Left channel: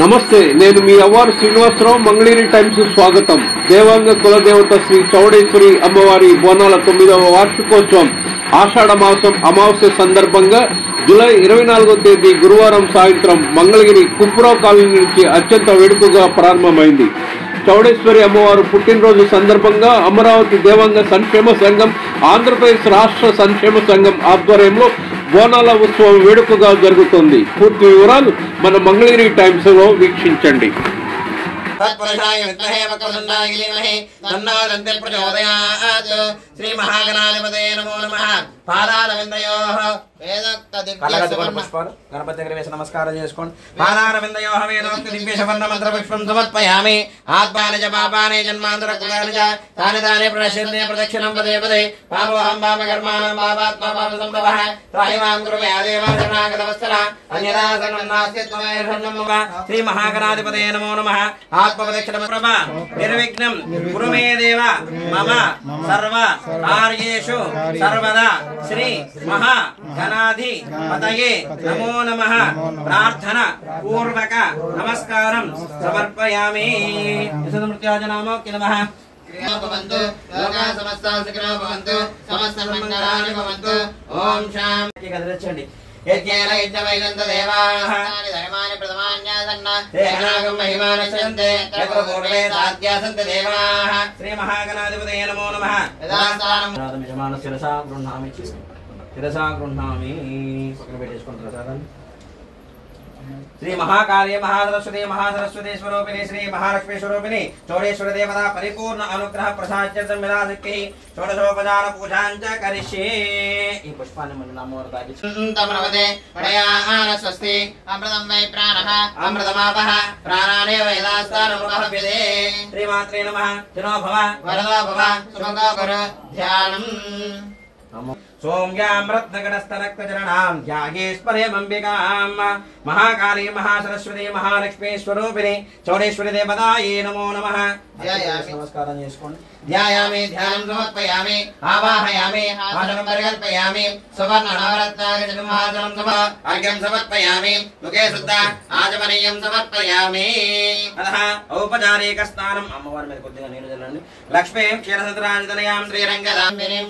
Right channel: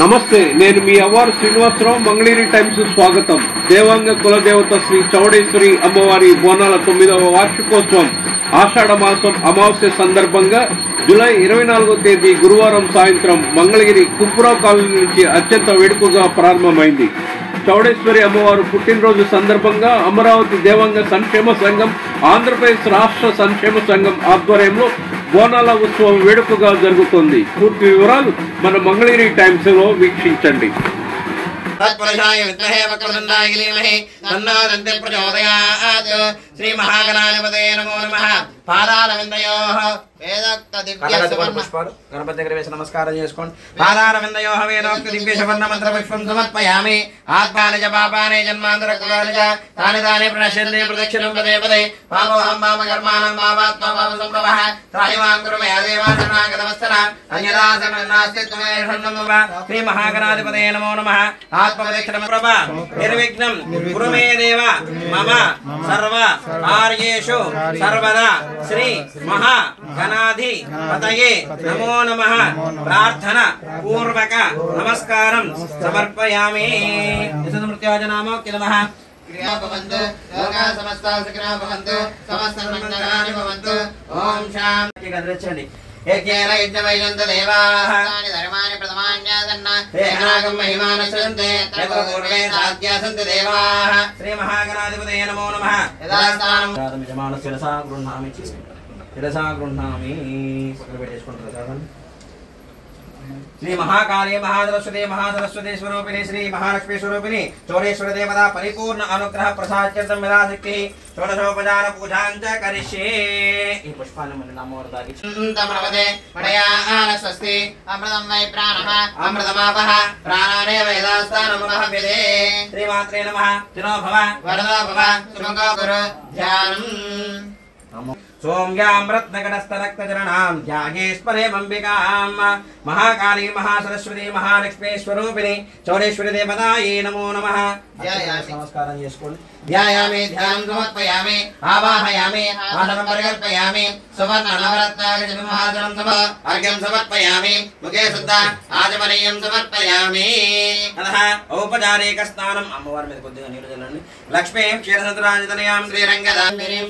నమస్తే, నేను మీ అవ్వారు శ్రీనివాసరావు. మంగళగిరి టైమ్స్ స్వాగతం. దేవాంగ కులదేవత శ్రీ చౌడేశ్వరి అమ్మవారి బోనాల 9వ వార్షికోత్సవం ఆషాఢ మాసం అమావాస్య సందర్భంగా జూలై 24వ తేదీ గురువారం సాయంత్రం మంగళగిరి కుంపురావు కాలనీ నుంచి అత్యంత వేడుకగా ప్రారంభమైంది. చౌడేశ్వరి అమ్మవారు పుట్టినరోజు సందర్భంగా అమరావతి దేవాంగ సంక్షేమ సంఘం, ఆంధ్రప్రదేశ్ రాష్ట్ర సంక్షేమ సంఘం ఆధ్వర్యంలో బోనాల ఉత్సవం వేడుకగా జరుగుతోంది. పూర్తి వివరాలు మన మంగళగిరి టైమ్స్ లో వీక్షించండి. శ్రీ మహాగణాధిపతయే నమో నమః. పాదారవిందయోః గణపతి దగ్గర వేసి నమస్కారం చేసుకోండి. పాదారవిందయోః వేదోక్త దివ్యశవర్ణ మంత్ర పుష్పం సమర్పయామి. ఆత్మాని చ పాపాని జన్మాంతర కృతాని చ తాని తాని ప్రణశ్యంతే ప్రదక్షిణం పదే పదే. పాపోహం పాపకర్మాణం పాపాత్మా పాప సంభవః. త్రాహిమాం కురు మే దేవా శరణాగతవత్సల అన్యదా శరణం నాస్తి త్వమేవ శరణం మమ. శ్రీ మహాగణాధిపతయే నమో నమః. ఆత్మప్రదక్షిణ ప్రభ నిర్విఘ్నం కురు మే దేవ మమ సర్వ కార్యేషు సర్వదా. శ్రీ మహా గణాధి పతయే నమో నమః. ప్రార్థన పూర్వక నమస్కారం సమర్పయామి. యశోమృత్యాజనామోక్తి నమః. ఓం శాంతి. గదిరచండి. యజ్ఞేన యజ్ఞవైనంత దేవాః ధర్మాని ప్రథమాన్యాసన్న ఏనాగం మహిమానశ్యంతే యత్ర పూర్వే సాధ్యాసంత దేవాః. శ్రీ మహాగణాధిపతయే నమో నమః. యథాస్థానం యజమానస్య శిరసా గృహ్ణామి పక్కన పెట్టేసుకుంటారు ప్రసాదం. శ్రీ మహాకాళీ మహాసరస్వతి స్వరూపిణి శ్రీ మహాలక్ష్మీ స్వరూపిణి చౌడేశ్వర దేవత పరిపూర్ణ అనుగ్రహ ప్రసాద్యర్థం విరాశక్తి షోడశోపచార పూజాంచ కరిష్యే. ఈ పుష్పాన్ని మన నామోర తాగి స్వస్తి అమృతం వై ప్రాణః అమృతమాపః ప్రాణానేవ యథాస్థానముపహవ్యతే. శ్రీమాత్రే నమః. తినో భవ వరదో భవ సుఖంగో కురు ధ్యానం. సోమ్యాం రత్నగణస్థరక్తచరణాం త్యాగేశ్వరేమంబికాం మహాకాళీ మహాసరస్వతి మహాలక్ష్మీ స్వరూపిణి చౌడేశ్వరి దేవతాయే నమో నమః. నమస్కారం చేసుకోండి. ధ్యాయామి ధ్యానం సమర్పయామి ఆవాహయామి ఆసనం పరికల్పయామి సువర్ణ నవరత్నాగజమహాసనం సమ అర్ఘ్యం సమర్పయామి ముఖే శుద్ధ ఆచమనీయం సమర్పయామి. అతః ఔపచారిక స్నానం. అమ్మవారి మీద కొద్దిగా నీరు చల్లండి. లక్ష్మీం క్షీరసంద్రాజతనయాం శ్రీరంగదాం వీరీం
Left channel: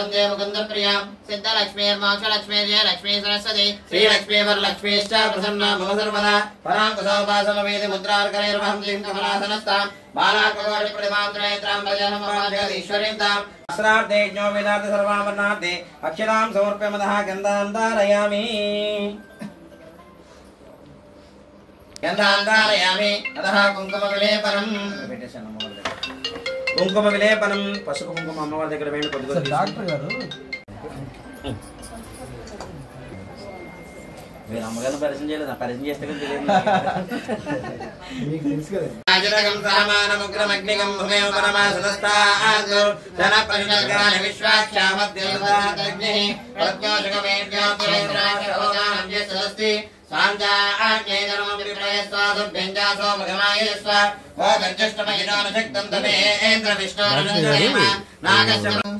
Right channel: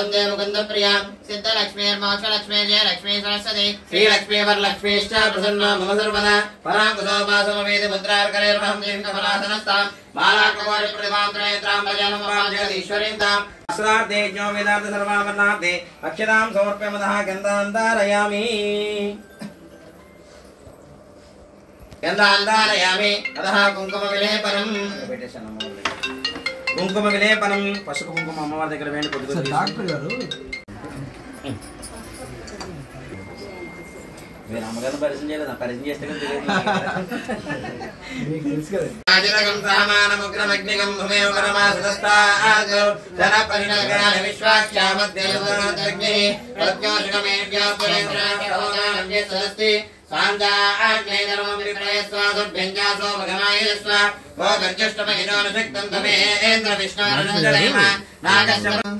వందే ముకుంద ప్రియాం సిద్ధ లక్ష్మీర్మోక్షలక్ష్మీ జయ లక్ష్మీ సరస్వతి శ్రీ లక్ష్మీ వరలక్ష్మీశ్చ ప్రసన్న మమ సర్వదా. పరాంకుశోపాసమవేది ముద్రార్కరైర్వహం శ్రీం కమలాసనస్తాం బాలాకకోటి ప్రతిభాంతనేత్రాం భజనమాం జగదీశ్వరీం తాం. అస్రార్థే జ్ఞో వేదార్థ సర్వావర్ణార్థే అక్షతాం సమర్పయమదః గంధాంధారయామి. గంధాంధారయామి. అదః కుంకుమ విలేపనం. కుంకుమ విలేపనం. పసుపు కుంకుమ అమ్మవారి దగ్గర వేయండి. కొద్దిగా డాక్టర్ గారు మీరు అమ్మగారిని పరిచయం చేయలేదు, పరిచయం చేస్తే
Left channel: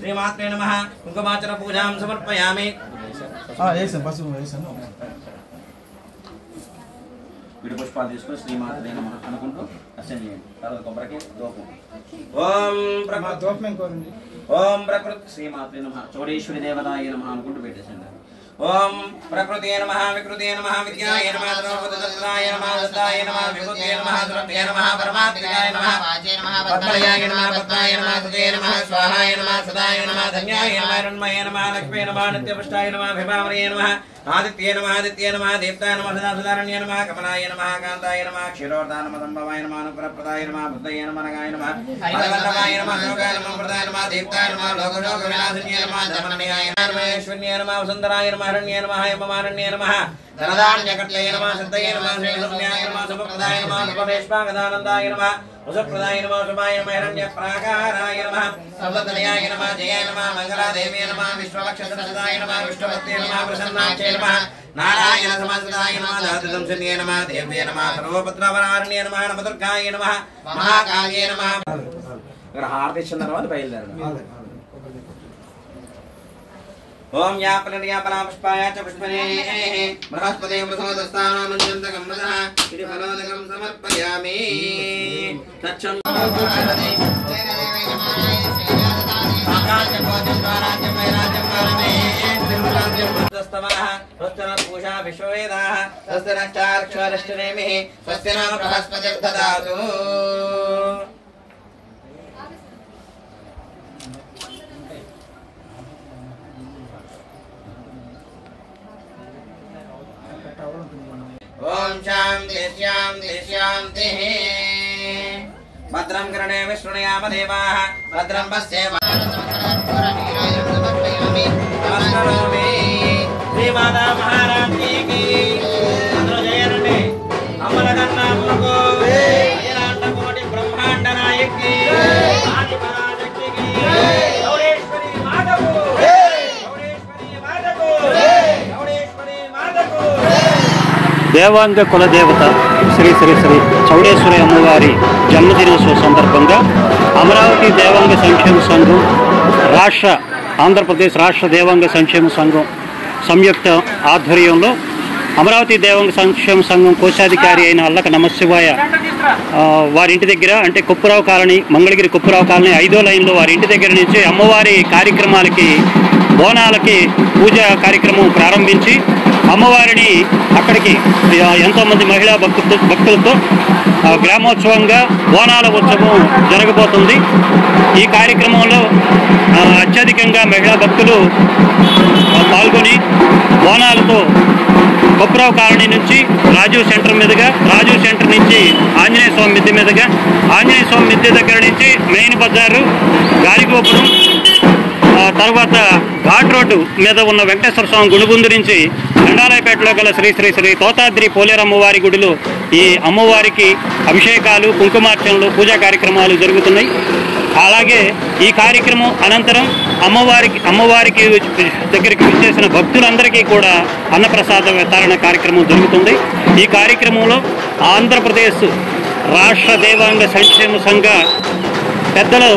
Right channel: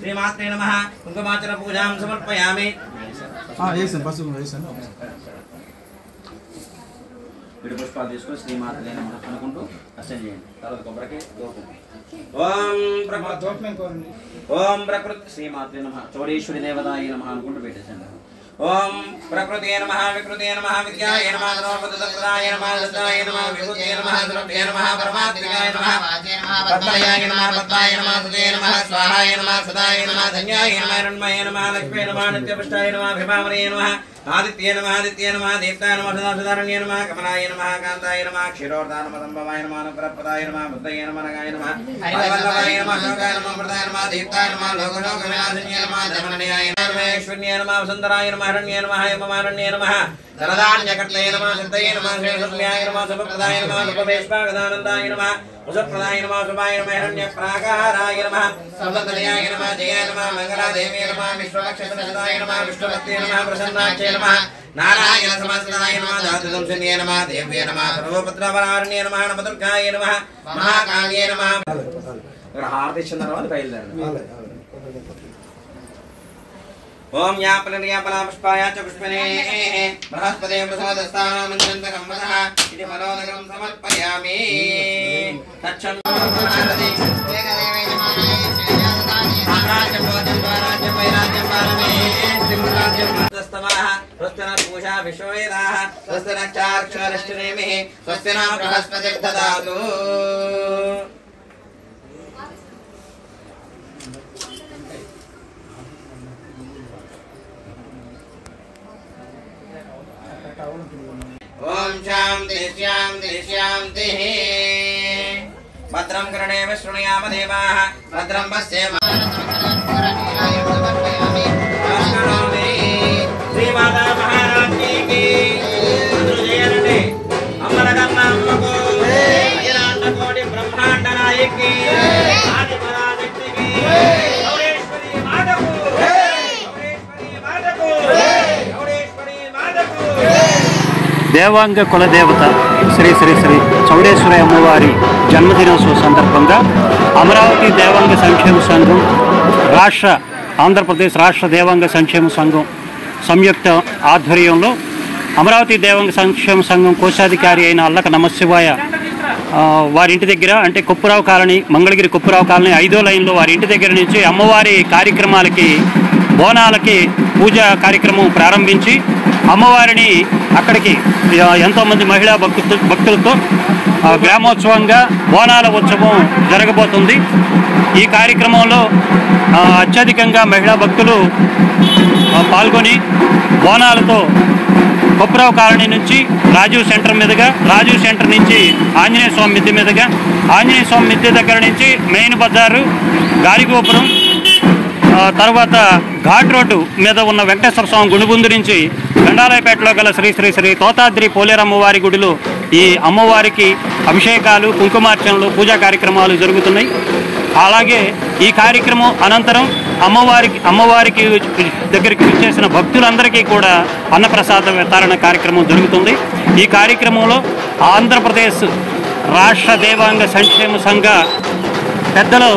శ్రీమాత్రే నమః. కుంకుమార్చన పూజాం సమర్పయామి. విడి పుష్పాలు తీసుకొని శ్రీమాత్రే నమః అనుకుంటూ అర్చన చేయండి. తర్వాత కొబ్బరికి దోపం. ఓం ప్రకృతి శ్రీమాత్రే నమః చౌడేశ్వరి దేవతాయ నమః అనుకుంటూ పెట్టేసండి. ఓం ప్రకృతే నమః వికృతే నమః విద్యాయ నమః ధర్మపదసంప్రదాయ నమః దత్తాయ నమః విభూతే నమః ద్రవ్యే నమః పరమాత్మకాయ నమః పద్మయాయ నమః పద్మాయ నమః సుదే నమః స్వాహాయ నమః సదాయ నమః ధన్యాయ నమః రణమయ నమః లక్ష్మీ నమః నిత్యపుష్టాయ నమః భీమావరే నమః ఆదిత్య నమః దేవతాయ నమః సదాసుధారణ్య నమః కమలాయ నమః కాంతాయ నమః క్షీరోర్ధాయ నమః సంభవాయ నమః అనుగ్రహప్రదాయ నమః బుద్ధయ నమః నగాయ నమః హరివల్లభాయ నమః శోకాయ నమః ప్రదాయ నమః దేవతాయ నమః లోకలోక వినాశన్య నమః ధర్మనియాయ నమః ఈశ్వర్య నమః వసుంధరాయ నమః హరణ్య నమః యమమారణ్య నమః ధనధాన్యకట్లయ నమః సిద్ధయ నమః శ్రీశూన్యాయ నమః శుభప్రదాయ నమః ఉపవేష్పాగదానందాయ నమః వసుప్రదాయ నమః శుభాయ నమః హిరణ్య ప్రాకారాయ నమః సర్వతనయాయ నమః జయాయ నమః మంగళాదేవ్యే నమః విశ్వవక్షసదాయ నమః విష్ణుభక్తే నమః ప్రసన్నాక్షే నమః నారాయణ సమస్తదాయ నమః ధాతుదంశన్యే నమః దేవ్యే నమః సర్వపుత్రవరారణ్యే నమః నమదుర్గాయ నమః మహాకాళ్యే నమః. ఇక్కడ హారతి ఇచ్చిన తర్వాత బయలుదేరండి. ओम यापलर्यापला पुष्पाय च पुष्पने बृहस्पते प्रसोदस्थानो मन्त्रं मनः इति फलोदकं समर्पयामि तच्छन्दोषादि पूषा विश्ववेदाः स्वस्य नक्षाक्षरष्टनेमिः स्वस्य नाम बृहस्पतिर्ददातु ओम शांति शांति शांति भद्रं कर्णेम शृणुयाम देवाः भद्रं पश्येमामि श्री माता महाराज की जयन्ती अमरकर्णात्मको अखिलांड कोटि ब्रह्मांड नायक की आदि पराशक्ति की गौरेश्वरी माता को దేవాంగ కులదేవత శ్రీ శ్రీ శ్రీ చౌడేశ్వరి అమ్మవారి జన్మదినోత్సవ సందర్భంగా అమరావతి దేవాంగ సంక్షేమ సంఘం ఆంధ్రప్రదేశ్ రాష్ట్ర దేవాంగ సంక్షేమ సంఘం సంయుక్త ఆధ్వర్యంలో అమరావతి దేవాంగ సంక్షేమ సంఘం కోశాధికారి అయిన అల్లక నమశివాయ వారి ఇంటి దగ్గర అంటే కుప్పరావు కాలనీ మంగళగిరి కుప్పరావు కాలనీ 5వ లైన్లో వారి ఇంటి దగ్గర నుంచి అమ్మవారి కార్యక్రమాలకి బోనాలకి పూజ కార్యక్రమం ప్రారంభించి అమ్మవారిని అక్కడికి ఎంతోమంది మహిళా భక్తులతో గ్రామోత్సవంగా బోనాల ఉత్సవం జరగబోతుంది. ఈ కార్యక్రమంలో అత్యధికంగా మహిళా భక్తులు పాల్గొని బోనాలతో కుప్పరావు కాలనీ నుంచి రాజీవ్ సెంటర్ మీదుగా రాజీవ్ సెంటర్ నుంచి ఆంజనేయ స్వామి మిద్దె మీదుగా ఆంజనేయ స్వామి మిద్దె దగ్గర నుంచి మెయిన్ బజారు గాలిగోపురం తర్వాత ఘాట్ రోడ్డు మీద ఉన్న వెంకటేశ్వర స్వామి గుడిబుందు నుంచి గండాలయపేటలో గల శ్రీ శ్రీ శ్రీ తోతాద్రి పోలేరమ్మవారి గుడిలో ఈ అమ్మవారికి అభిషేకాలు కుంకుమార్చనలు పూజా కార్యక్రమాలు జరుగుతున్నాయి. అలాగే ఈ కార్యక్రమం అనంతరం అమ్మవారికి దగ్గరికి విచ్చేసిన భక్తులందరికీ కూడా అన్నప్రసాద వితరణ కార్యక్రమం జరుగుతుంది. ఈ కార్యక్రమంలో ఆంధ్రప్రదేశ్ రాష్ట్ర దేవాంగ సంక్షేమ సంఘ పెద్దలు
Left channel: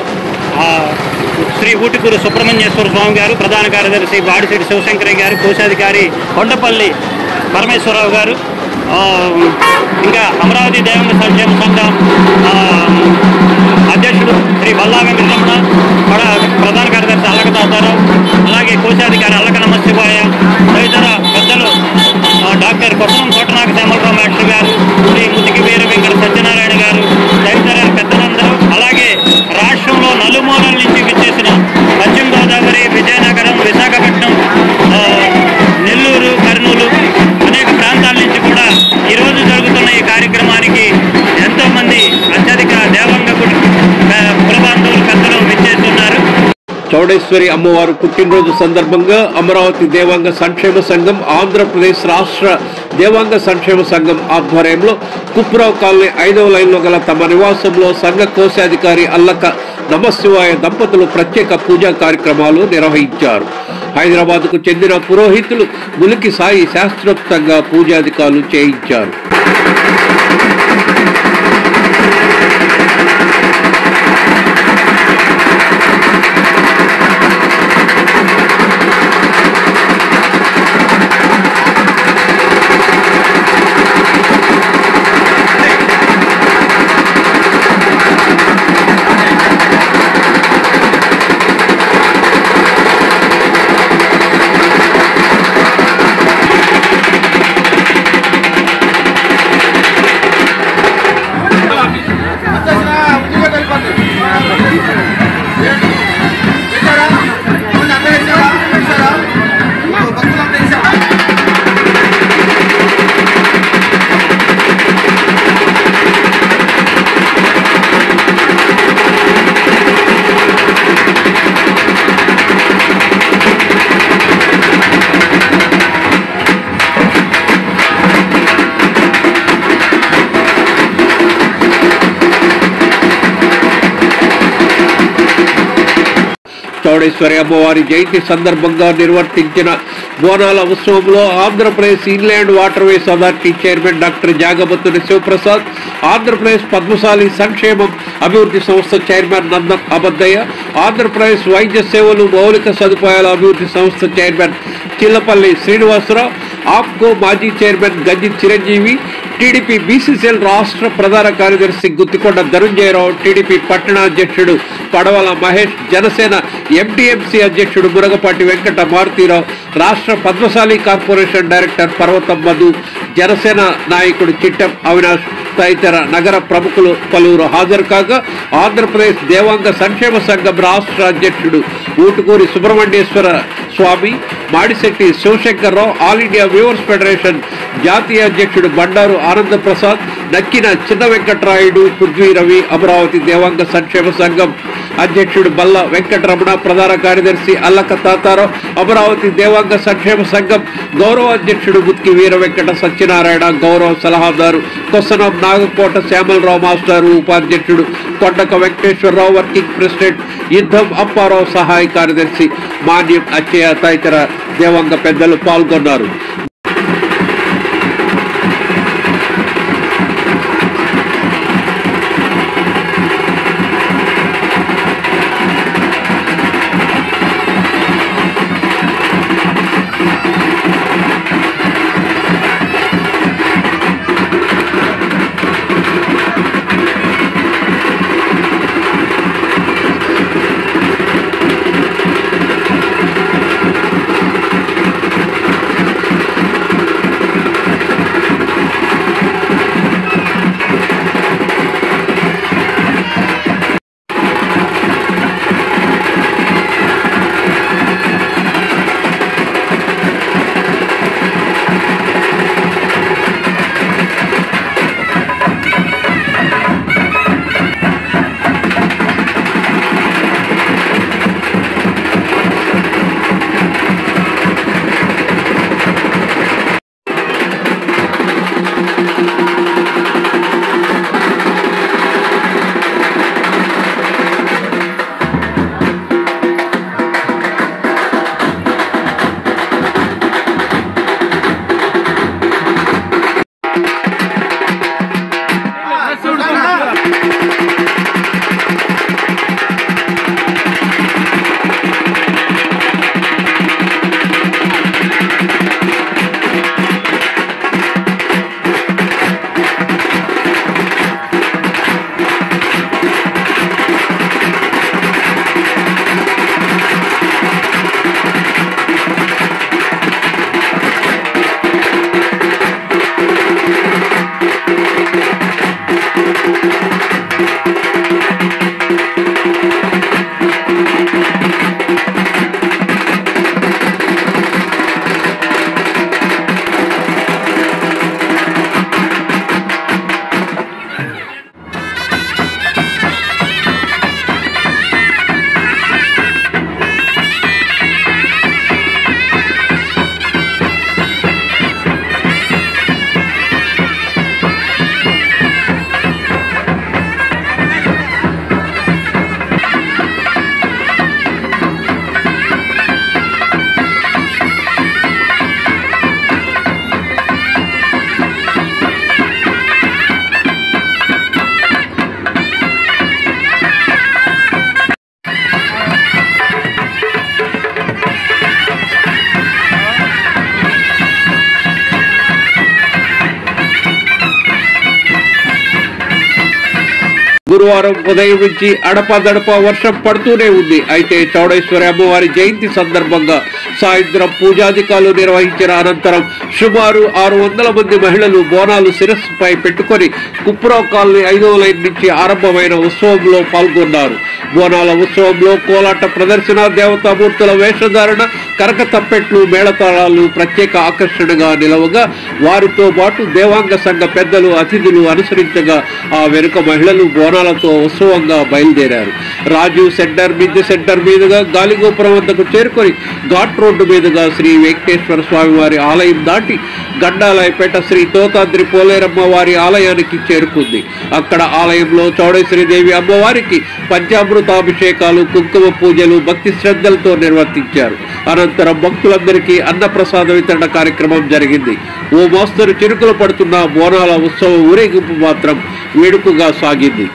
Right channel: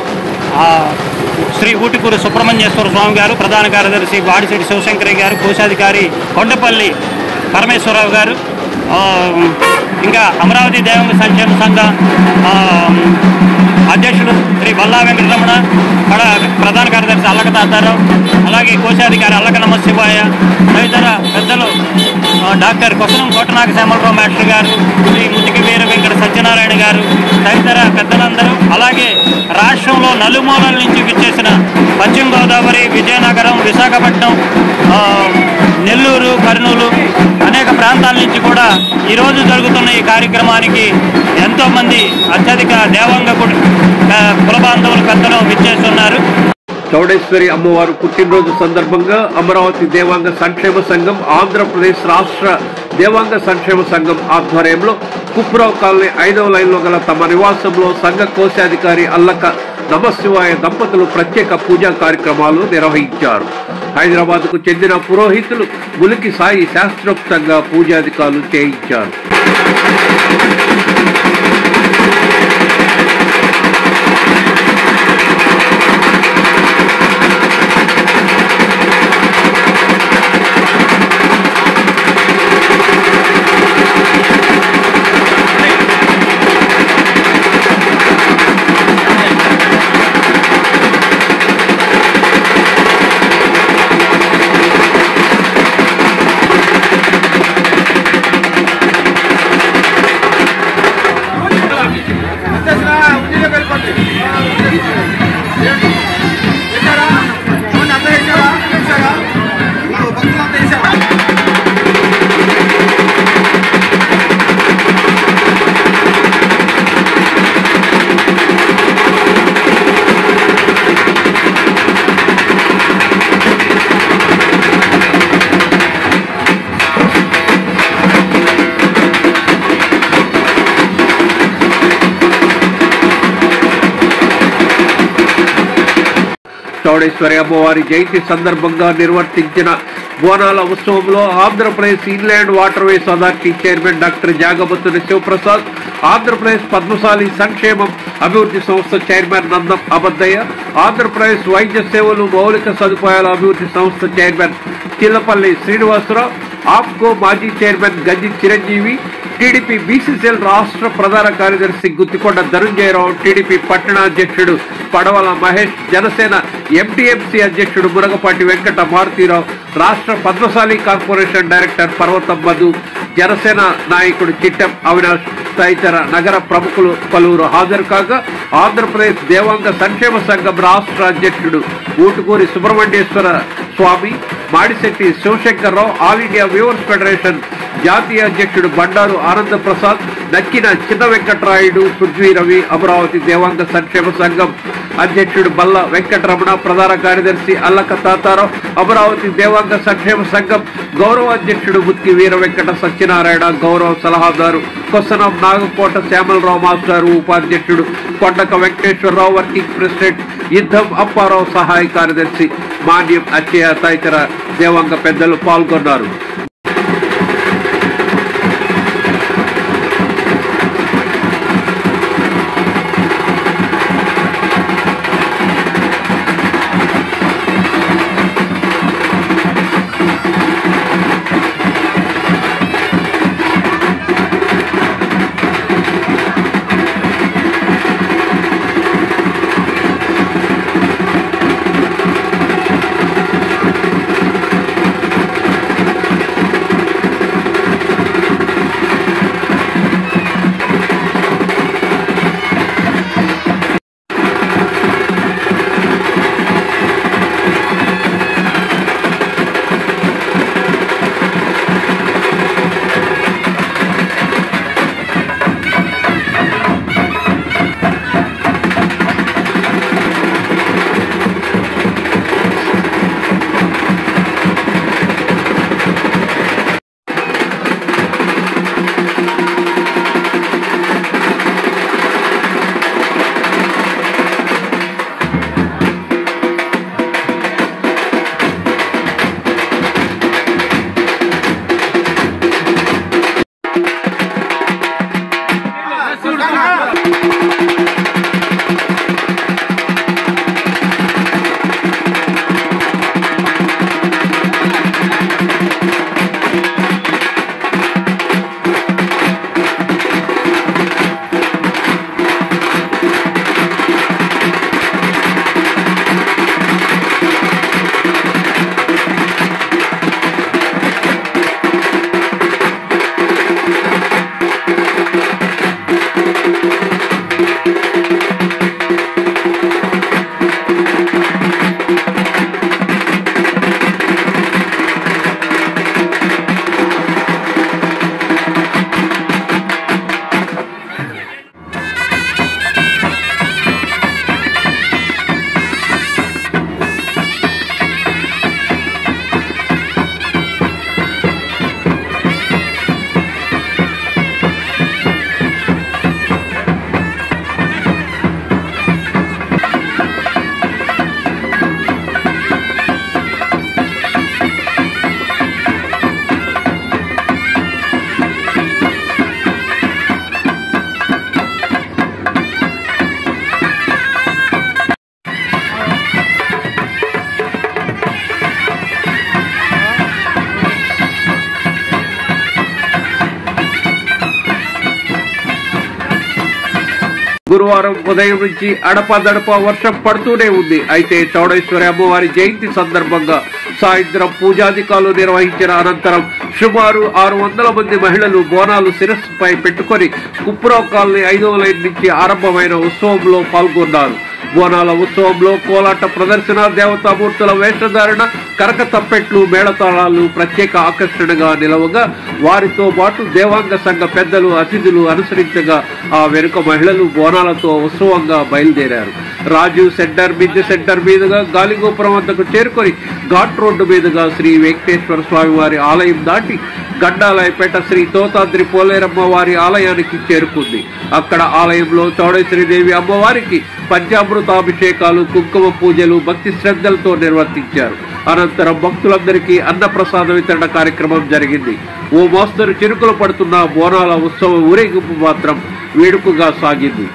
శ్రీ ఊటికూరు సుబ్రహ్మణ్యేశ్వర స్వామి గారు, ప్రధాన కార్యదర్శి బాడిశెట్టి శివశంకరయ్య గారు, కోశాధికారి కొండపల్లి పరమేశ్వరరావు గారు, ఇంకా అమరావతి దేవాంగ సంక్షేమ సంఘం అధ్యక్షుడు శ్రీ బల్లా వెంకటరమణ, ప్రధాన కార్యదర్శి అల్లక తాతారావు, అలాగే కోశాధికారి అల్లక నమశివాయ, తదితర పెద్దలు డాక్టర్ కొట్టం కోటనాగ శ్యామలరావు మాస్టర్ గారు, శ్రీ ముతికి వీర వెంకట సత్యనారాయణ గారు, తదితర పెద్దలందరూ, అలాగే రాష్ట్రంలో నలుమూలల నుంచి విచ్చేసిన పశ్చిమ గోదావరి, విజయనగరం, విశాఖపట్నం, నెల్లూరు, కర్నూలు అనేక ప్రాంతాల నుంచి కూడా ఈరోజు జరుగుతున్న ఈ కార్యక్రమానికి ఎంతోమంది అత్యధిక దేవాంగ కుల బాంధవులు పెద్దలు విచ్చేస్తున్నారు. చౌడేశ్వరి అమ్మవారు పుట్టినరోజు సందర్భంగా అమరావతి దేవాంగ సంక్షేమ సంఘం ఆంధ్రప్రదేశ్ రాష్ట్ర దేవాంగ సంక్షేమ సంఘం ఆధ్వర్యంలో కుప్పరావు కాలనీ 5వ లైన్లో గల తమ నివాసంలో సంఘ కోశాధికారి అల్లక నమశివాయ దంపతులు ప్రత్యేక పూజా కార్యక్రమాలు నిర్వహించారు. హైదరాబాద్కు చెందిన పురోహితులు ములికి సాయి శాస్త్రోక్తంగా పూజాధికారులు చేయించారు. చౌడేశ్వరి అమ్మవారి జయంతి సందర్భంగా నిర్వర్తించిన బోనాల ఉత్సవంలో Andhra Pradesh inland waterways authority chairman doctor Jagabattuni Sivaprasad, Andhra Pradesh Padmashali సంక్షేమం అభివృద్ధి సంస్థ చైర్మన్ నందం అబద్దయ్య, ఆంధ్రప్రదేశ్ వైద్య సేవలు మౌలిక సదుపాయాల అభివృద్ధి సంస్థ చైర్మన్ చిల్లపల్లి శ్రీనివాసరావు, ఆప్కో మాజీ చైర్మన్ గంజి చిరంజీవి, టీడీపీ బీసీసీఎల్ రాష్ట్ర ప్రధాన కార్యదర్శి గుత్తికొండ ధనుంజయరావు, టీడీపీ పట్టణ అధ్యక్షుడు పడవల మహేష్, జనసేన ఎంటీఎంసీ అధ్యక్షుడు మురగపాటి వెంకట మారుతీరావు, రాష్ట్ర పద్మశాలి కార్పొరేషన్ డైరెక్టర్ పర్వతం మధు, జనసేన నాయకుడు చిట్టం అవినాష్ తదితర నగర ప్రముఖులు పలువురు హాజరు కాగా, ఆంధ్రప్రదేశ్ దేవాంగ సంక్షేమ సంఘం రాష్ట్ర అధ్యక్షుడు Ootukuri Subrahmanyeswara Swamy, Madisetti Sivashankar Rao, all India weavers federation జాతీయ అధ్యక్షుడు బండారు ఆనంద ప్రసాద్, నక్కిన చిన్న వెంకటరాయుడు, పృథ్వీ రవి, అమరావతి దేవాంగ సంక్షేమ సంఘం అధ్యక్షుడు బల్ల వెంకటరమణ, ప్రధాన కార్యదర్శి అల్లక తాతారావు, అమరావతి దేవాంగ సంక్షేమ సంఘం గౌరవ అధ్యక్షుడు ముత్కి వీర వెంకట సత్యనారాయణ, గౌరవ సలహాదారు కొసనం నాగకోట శ్యామలరావు మాస్టారు, ఉపాధ్యక్షుడు కొండక వెంకటేశ్వరరావు, వర్కింగ్ ప్రెసిడెంట్ యుద్ధం అప్పారావు, సహాయ కార్యదర్శి మాన్యం అచ్చయ్య తదితర దేవాంగ పెద్దలు పాల్గొన్నారు. గురువారం ఉదయం నుంచి అడపాదడపా వర్షం పడుతూనే ఉంది. అయితే చౌడేశ్వరి అమ్మవారి జయంతి సందర్భంగా సాయంత్రం పూజాధికారులు నిర్వహించిన అనంతరం సుమారు 600 మంది మహిళలు బోనాలు శిరస్సుపై పెట్టుకొని కుప్రావ్ కాలనీ 5వ లైన్ నుంచి ఆరంభమైన ఉత్సవంలో పాల్గొన్నారు. బోనాల ఉత్సవంలో కోలాట ప్రదర్శన, దేవతామూర్తుల వేషధారణ, కరక తప్పెట్లు, మేళతాళాలు ప్రత్యేక ఆకర్షణగా నిలవగా వారితో పాటు దేవాంగ సంఘ పెద్దలు, అతిథులు అనుసరించగా ఆ వెనుక మహిళలు బోనాలతో ఉత్సవంగా బయలుదేరారు. రాజు సెంటర్, మిద్దె సెంటర్ మీదుగా గాలిగోపురం వద్దకు చేరుకొని ఘాట్ రోడ్డు మీదుగా శ్రీ వెంకటేశ్వర స్వామి వారి ఆలయం దాటి గండాలయపేట శ్రీ తోతాద్రి పోలేరమ్మ వారి ఆలయానికి చేరుకుంది. అక్కడ ఆలయంలో చౌడేశ్వరీదేవి అమ్మవారికి పంచామృతాభిషేకాలు, కుంకుమ పూజలు భక్తి శ్రద్ధలతో నిర్వర్తించారు. అనంతరం భక్తులందరికీ అన్నప్రసాద వితరణ కార్యక్రమం జరిగింది. ఓ మోస్తరు చిరుకులు పడుతున్న బోనాల ఉత్సవ ఊరేగింపు మాత్రం వేడుకగా సాగింది.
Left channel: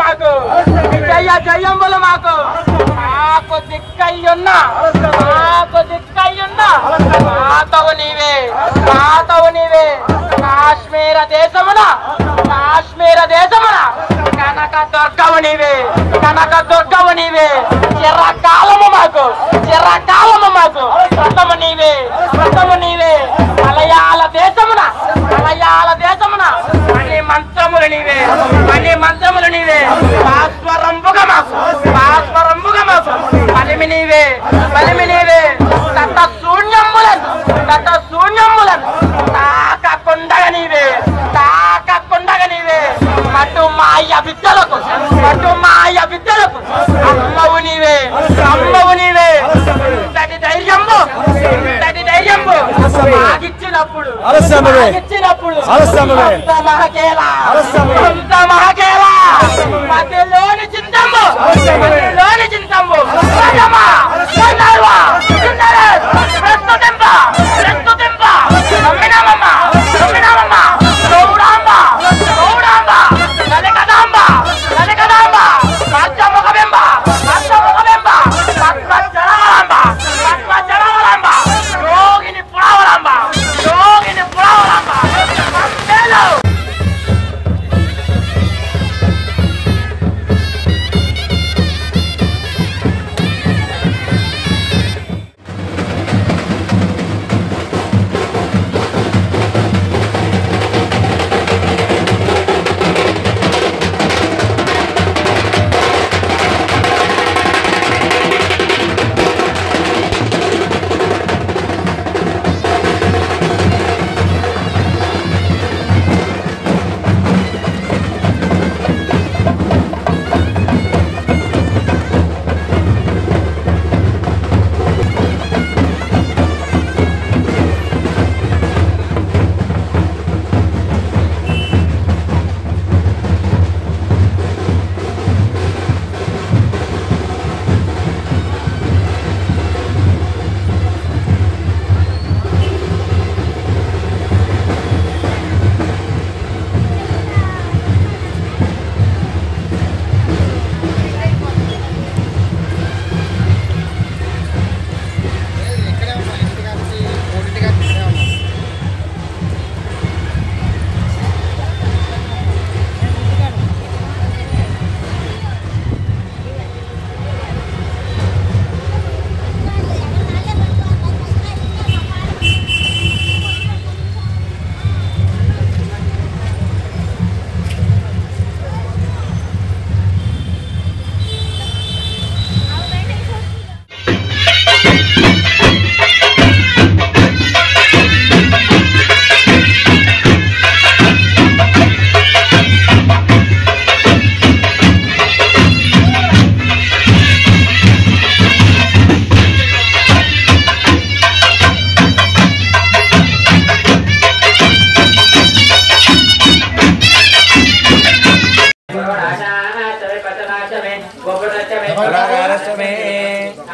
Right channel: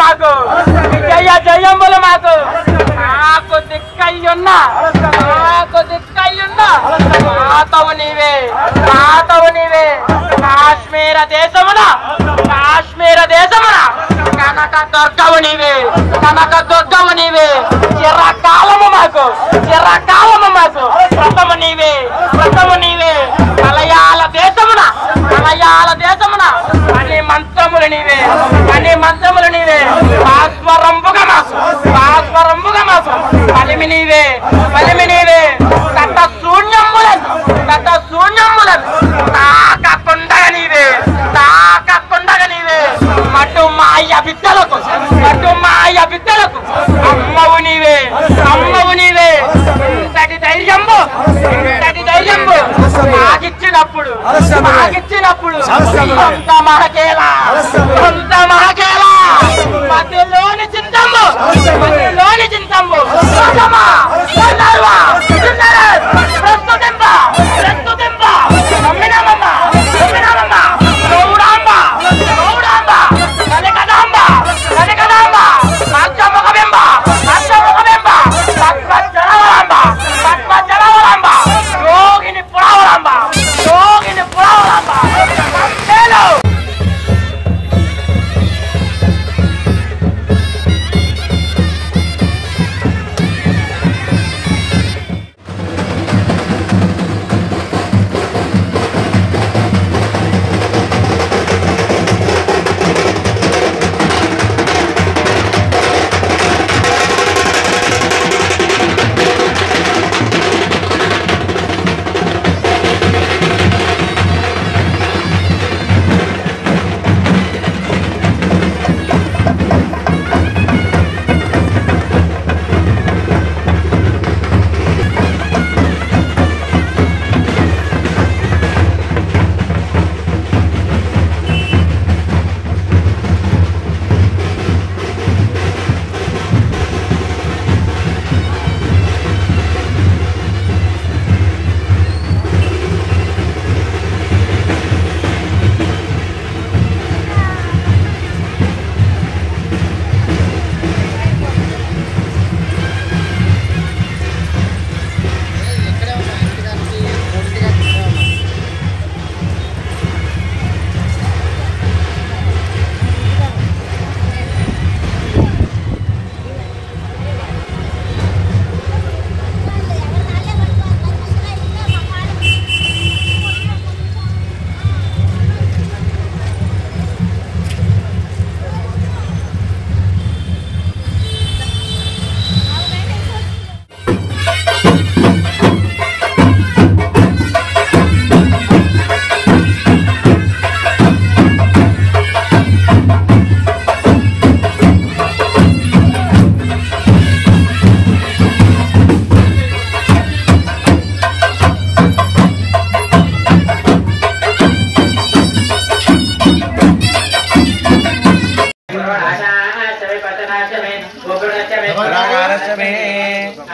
మాకు జయ జయంబులు మాకు నాకు దిక్కయ్యున్నా మాతవు నీవే కాశ్మీర దేశమున కనక దుర్గవు నీవే చిరకాలము మాకు వ్రతము నీవే మలయాళ దేశమున అనే మంత్రములు నీవే భాస్వరంబుగా మాకు బలిమి నీవే కట్ట శూన్యములను తాకకుండగ నీవే మటు మాయ విద్యలకు అమ్మవు నీవే ఇంతటి ధైర్యంబు ఆగిచ్చినప్పుడు అంత మహకేలా మధ్యలోని చింతమ్ము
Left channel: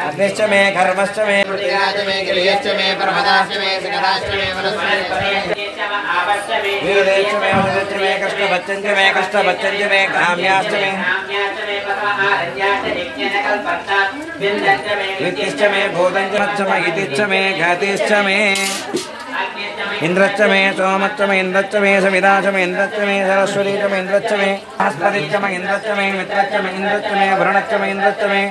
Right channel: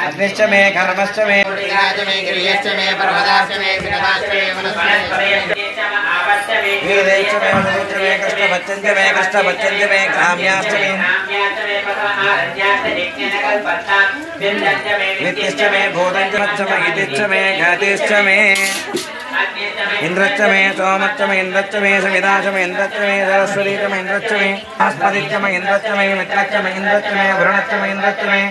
अग्निश्च मे कर्मश्च मे गिरियश्च मे पर्वताश्च मे जगदाश्च मे वीरेश्च मे वसुश्च मे कृष्णभच्चञ्च मे ग्राम्याश्च मे वित्तिश्च मे भूतञ्च मे इतिश्च मे घातिश्च मे इंद्रच्च मे सोमच्च मे इंद्रच्च मे सविताच्च मे इंद्रच्च मे सरस्वतीच्च मे इंद्रच्च मे बृहस्पतिच्च मे इंद्रच्च मे मित्रच्च मे इंद्रच्च मे वरुणच्च मे इंद्रच्च मे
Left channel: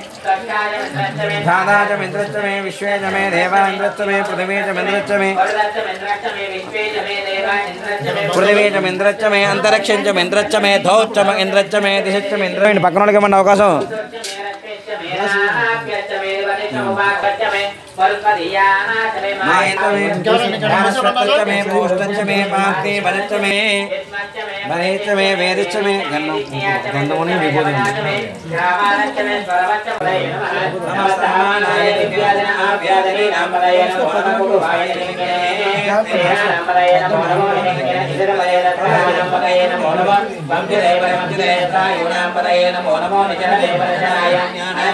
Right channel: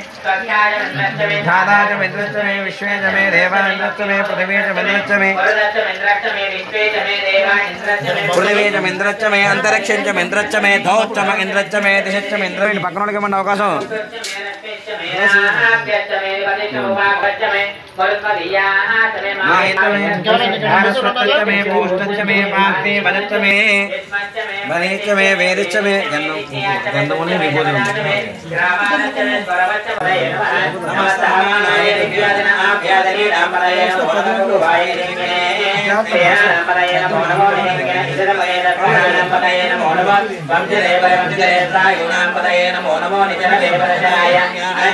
धाताच्च मे इंद्रच्च मे विश्वेच्च मे देवा इंद्रच्च मे पृथिवीच्च मे इंद्रच्च मे पृथिवीच्च मे इंद्रच्च मे अंतरिक्षञ्च मे इंद्रच्च मे धौच्च मे इंद्रच्च मे दिशच्च मे इंद्र पక్కనోడికి మన అవకాశం मे भूष्टच्च मे पाक्ति वनच्च मे महेच्च मे वेदिच्च मे गन्धमुनि विभूति नमस्तमानाय दिव्यादनाभ्यादने रामपदये नमो नमः वंदिदेवाय वंदिदेवाय गुणांपदये नमो नमो निजनवे परशाय ज्ञानाय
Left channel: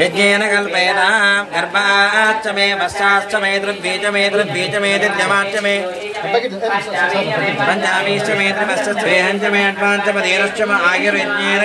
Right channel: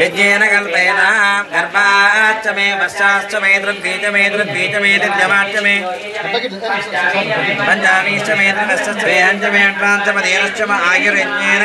యజ్ఞేన కల్పేన గర్భాచ్చ మే వస్సాశ్చ మే దృగ్బీజ మే దివ్యమాచ్చ మే పంచామీశ్చ మే త్రివస్స శ్రేయంచ మే అడ్వాంచ మే ఆయుర్యజ్ఞేన